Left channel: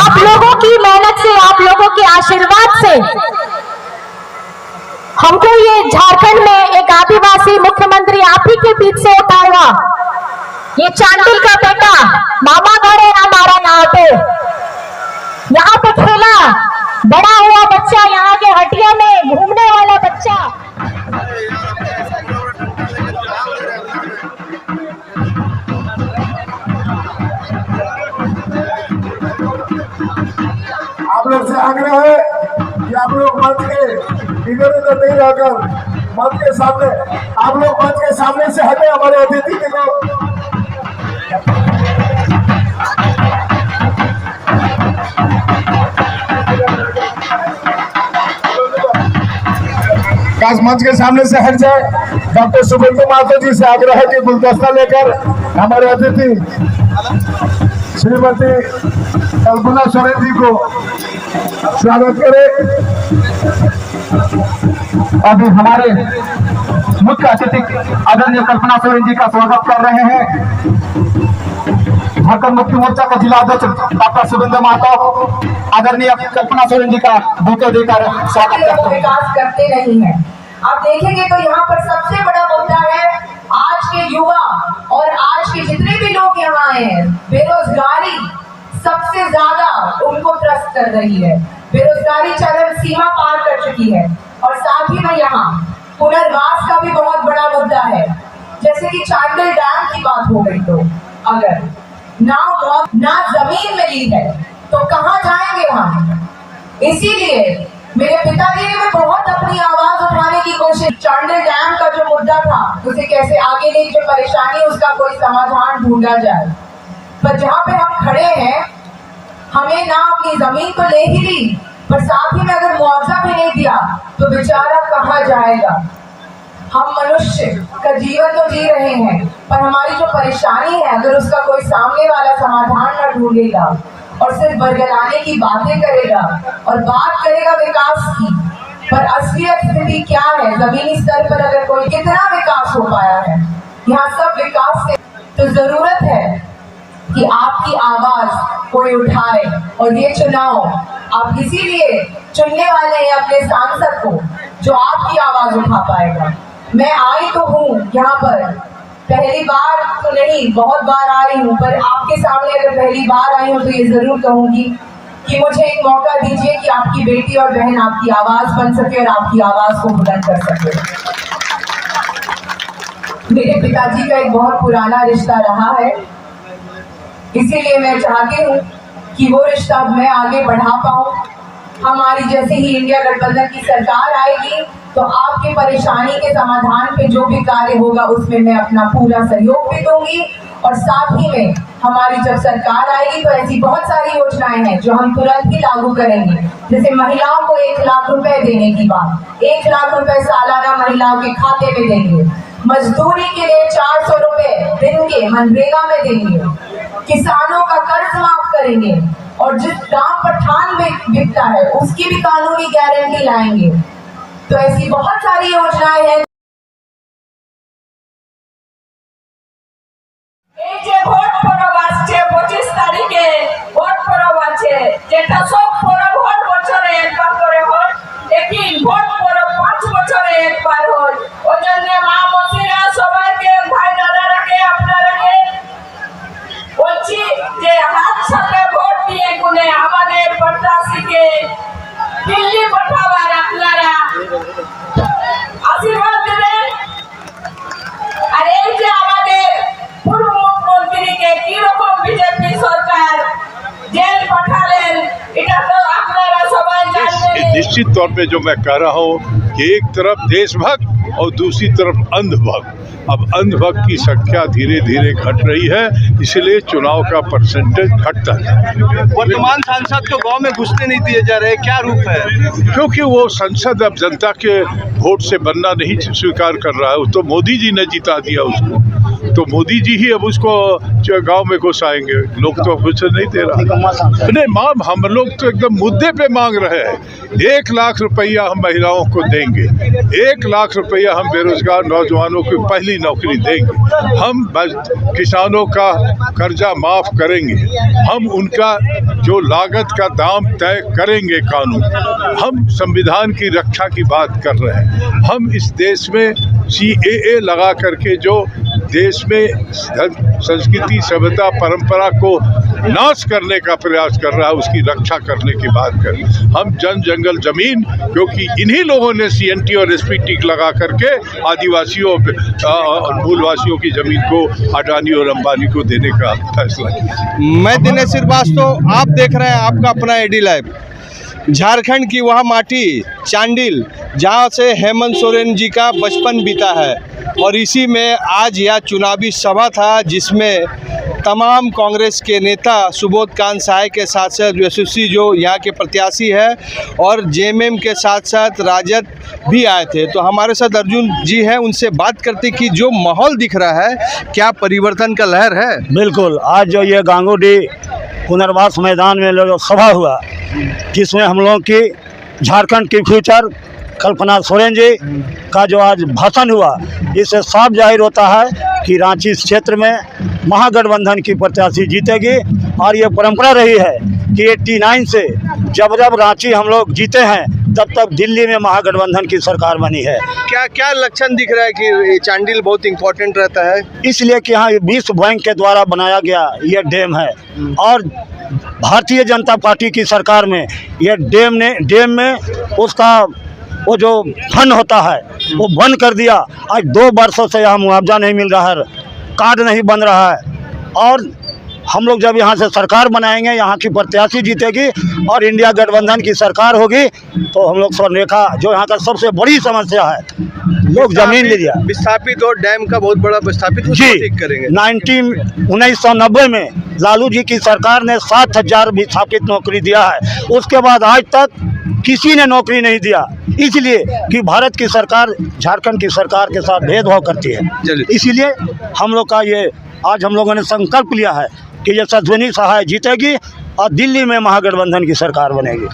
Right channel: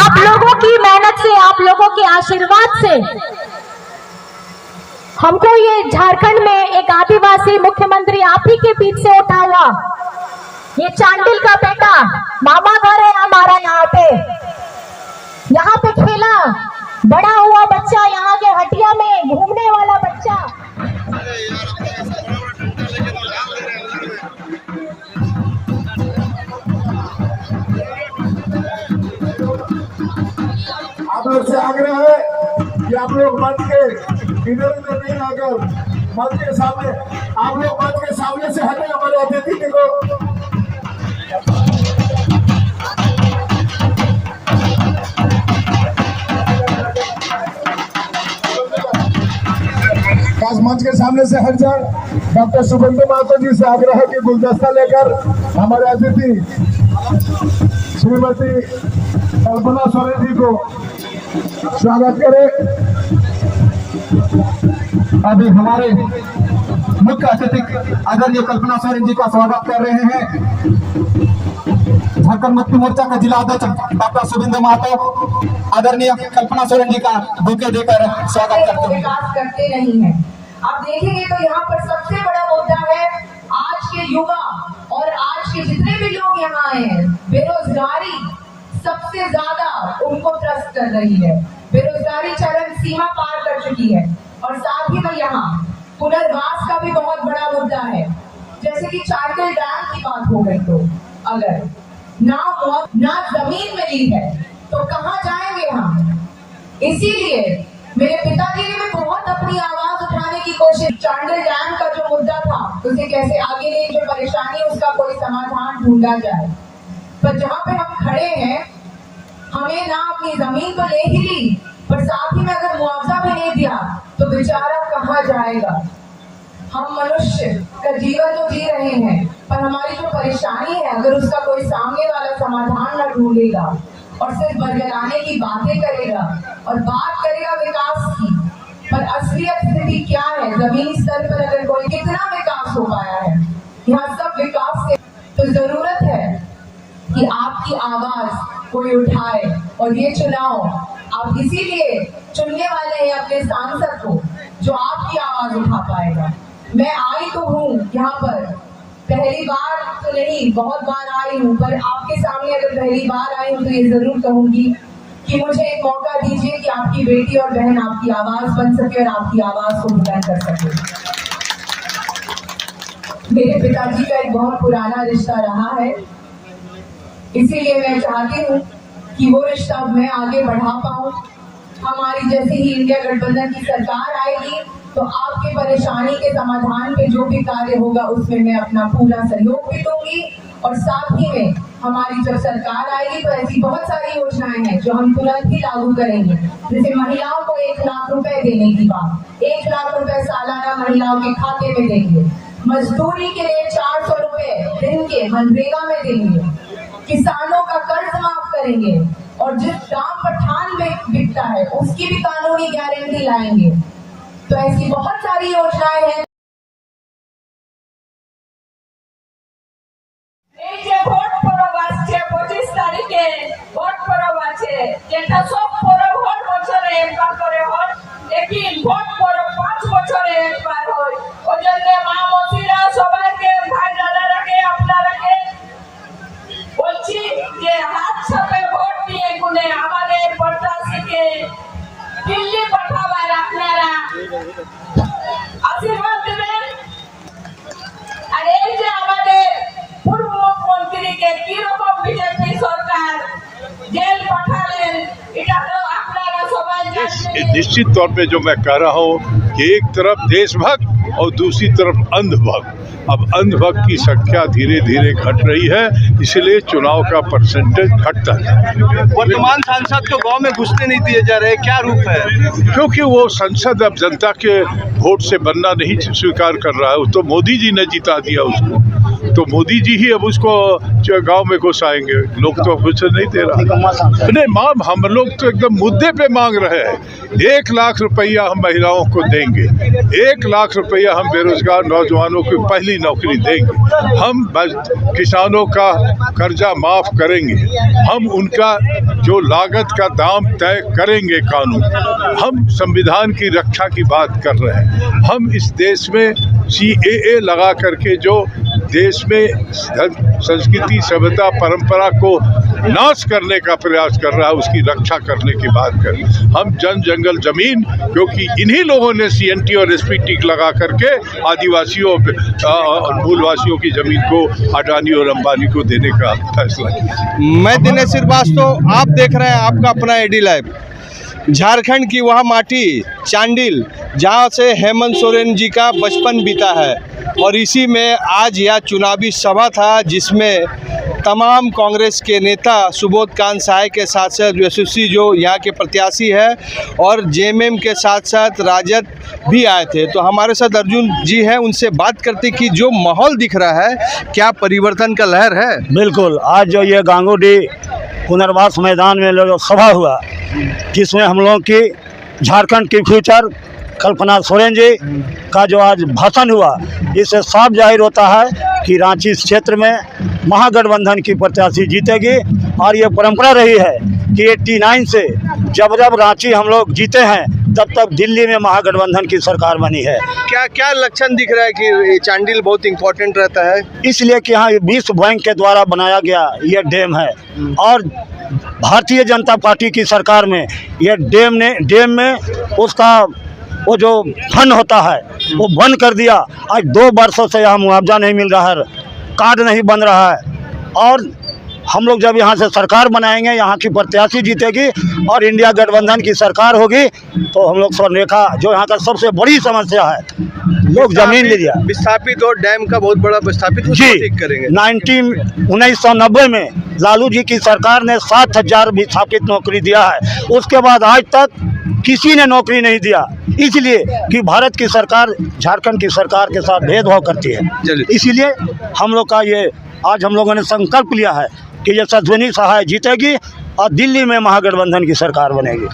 आप लोगों की मेहनत से, आप लोगों के आशीर्वाद से हमको ये झारखंड में एक आदिवासी मुख्यमंत्री आप ही के बीच से उठा हुआ, ये चांडिल का बेटा मामा घर है हमारा, यहाँ पे खेला बड़ा हुआ बच्चा, यहाँ के हटिया में घूमने वाला बच्चा। आप लोग से आग्रह है कि आप लोग मंच के इधर उधर नहीं रहकर मंच के सामने, आप लोग मंच के सामने से हटे। हमारे अतिथि को मंच के सामने से हट जाए। डॉक्टर शुभेंदु महतो जी से आग्रह है कि गुलदस्ता लेकर हमारे अतिथि श्रीमती कल्पना सोरेन जी को स्वागत करें। अभी हमारे मुख्य अतिथि आदरणीय कल्पना सोरेन जी का स्वागत कर रहे हैं। झारखंड मुक्ति मोर्चा के जिला अध्यक्ष डॉक्टर शुभेंदु महतो आदरणीय कल्पना सोरेन जी का बुके देकर स्वागत करते हैं। विकास करते नहीं है। आप देखेंगे तो यहाँ पर सबसे बड़ा मुद्दा है आज के युवा और आज के जितने भी लोग यहाँ आए हैं, बेरोजगारी सबसे ज्यादा उनको त्रस्त कर रही है। बेरोजगारी चरम सीमा पार कर चुकी है और साथ ही में यहाँ पुनर्वास का भी बहुत बड़ा मुद्दा है। जैसे कि चांडिल डैम की बात हो गई, तो अगर ना जमीन मिली है तो कहाँ जाएंगे हम। इसीलिए मेरे पिताजी ने बहुत अपनी आवाज उठाने की कोशिश, चांडिल डैम का जो मुद्दा था उसे कैसे आगे ले, जो परेशानी उसका कोई समाधान ढूंढा जाए। पर जहाँ पे हम खड़े हैं, हमें ना अपनी जमीन तो ले ही ली, पर साथ ही में अगर मुआवजा भी नहीं दिया तो बेचारा कहाँ जाएगा। हम मनुष्य का जीवन तो जी रहे हैं, पर हमारी जो परेशानी है अगर उसका कोई सामने वाला समाधान न ढूंढेगा और सिर्फ बरगलाने की बातें करेगा और बात करेगा विकास की, पर असलियत स्थिति क्या है, जमीनी स्तर पर अगर कोई कितना विकास हो पाया है, यहाँ सब विकास के, तो जरूरत है कि आपकी आवाज कोई उठाए। और ये चुनाव आप इसीलिए चुनने वाले हैं अपने सांसद को जो आपकी आवाज उठा पाएगा। मैं आई तो हूँ यहाँ पर, पहली बार तो नहीं, बहुत बार आई हूँ, पर आपके सामने अगर पहली बार आई हूँ तो ये जरूर कहूंगी कि मुझे एक मौका दीजिए कि आपकी बेटी और बहन आपकी आवाज बन सके और आपकी आवाज को बुलंद कर सके। मेरे पिताजी का एक बहुत पुराना रिश्ता रहा है, इसीलिए मैं चाहती हूँ कि वो रिश्ता मैं आगे बढ़ा पाऊँ। हमारी जैसे ही इंडिया गठबंधन की सरकार आएगी तो आपकी परेशानी के समाधान पे जो भी कार्य होगा उसमें मैं अपना पूरा सहयोग भी दूंगी। और साथ ही में हमारी जब सरकार आएगी तो ऐसी बहुत सारी योजनाएं हैं जो हम तुरंत ही लागू करेंगे। जैसे महिलाओं को 1 लाख रुपए देने की बात, 1 लाख रुपए सालाना महिलाओं के खाते में देंगे। मजदूरी के लिए 400 रुपए दिन के मनरेगा में देंगे। किसानों का कर्ज माफ करेंगे और जिस दाम पर धान बिकता है उसकी भी कानूनी गारंटी लाएंगे। तो ऐसी बहुत सारी योजनाएं हैं। ভোট পরব আসছে 25 তারিখে, ভোট পরব আছে, যেটা সব পরব ভোট বছরে একবার করে হয়, লেকিন ভোট পরব 5 বছরে একবার হয়। ওই জন্য মা মসিরা সবাইকে, ভাই দাদারাকে, আপনারাকে বলছি যে হাত সাথে ভোট দিয়ে গুনে আমাদের প্রত্যাশীকে দিল্লি পাঠাবার আপনারা আশীর্বাদ দেবেন। আর এই যে আমাদের পূর্ব মুখ্যমন্ত্রীকে কিরকম বিজেপি সরকার জেল পাঠালেন, এটা তো আপনারা সবাই জানেন। निश्चित तौर पे जो मैं कह रहा हूँ कि एक तरफ देशभक्त और दूसरी तरफ अंधभक्त, अब अंधभक्त की संख्या धीरे धीरे घट रही है, इसलिए चुनाव का परसेंटेज घटता है। वर्तमान सांसद को गांव में घुसने नहीं दिए जा रहे, क्या रूप है? क्योंकि वो संसद अब जनता के वोट से बनना नहीं स्वीकार कर रहा है, तो मोदी जी ने जिता दिया उसको, तो तो मोदी जी ही अब उसको गांव में घुसाएंगे, लोग तो कुछ नहीं दे रहा। नहीं माम, हम लोग तो एकदम मुद्दे पे मांग रहे हैं। 1 लाख रुपया हम महिलाओं को देंगे, 1 लाख रुपया हम बेरोजगार नौजवानों को पहली नौकरी देंगे, हम किसानों का कर्जा माफ करेंगे, हम उनका जो लागत का दाम तय करेंगे कानून, हम संविधान की रक्षा की बात कर रहे हैं। हम इस देश में CAA लगा करके जो देश में संस्कृति, सभ्यता, परंपरा को नाश करने का प्रयास कर रहा है, उसकी रक्षा करने की बात करें। हम जंगल जमीन, क्योंकि इन्हीं लोगों ने CNT और SPT लगा करके आदिवासियों मूलवासियों की जमीन को अडानी और अंबानी को देने का फैसला किया। मैं दिनेश श्रीवास्तव, आप देख रहे हैं आपका अपना AD लाइव। झारखंड की वह माटी चांडिल जहां से हेमंत सोरेन जी का बचपन बीता है, और इसी में आज यह चुनावी सभा था जिसमें तमाम कांग्रेस के नेता सुबोध कांत सहाय के साथ साथ यशस्वी जो यहाँ के प्रत्याशी है और JMM के साथ साथ राजद भी आए थे। तो हमारे साथ अर्जुन जी हैं, उनसे बात करते कि जो माहौल दिख रहा है क्या परिवर्तन का लहर है? बिल्कुल, आज जो ये गांगुडी पुनर्वास मैदान में जो सभा हुआ जिसमें हम लोगों की झारखंड की फ्यूचर कल्पना सोरेन जी का जो आज भाषण हुआ, इससे साफ जाहिर होता है कि रांची क्षेत्र में महागठबंधन की प्रत्याशी जीतेगी। और ये परंपरा रही है कि 89 से जब जब रांची हम लोग जीते हैं तब तक दिल्ली में महागठबंधन की सरकार बनी है। क्या क्या लक्षण दिख रहा है कि चांडिल बहुत इम्पोर्टेंट रहता है? इसलिए कि यहाँ विश्व बैंक के द्वारा बनाया गया ये डैम है, और भारतीय जनता पार्टी की सरकार में ये डैम में उसका वो जो फंड होता है वो बंद कर दिया। आज 2 वर्षों से यहाँ मुआवजा नहीं मिल रहा है, कार्ड नहीं बन रहा है। और हम लोग जब यहाँ से सरकार बनाएंगे, यहाँ की प्रत्याशी जीतेगी और इंडिया गठबंधन की सरकार होगी, तो हम लोग स्वर्णरेखा जो यहाँ का सबसे बड़ी समस्या है, लोग जमीन ले लिया विस्थापित और डैम का बहुत बड़ा विस्थापित जी ठीक करेंगे। 1990 में लालू जी की सरकार ने 7,000 विस्थापित नौकरी दिया है, उसके बाद आज तक किसी ने नौकरी नहीं दिया, इसलिए कि भारत की सरकार झारखंड की सरकार के साथ भेदभाव करती है। इसीलिए हम लोग का ये आज हम लोगों ने संकल्प लिया है कि ये यशस्वी सहाय जीतेगी और दिल्ली में महागठबंधन की सरकार बनेगी।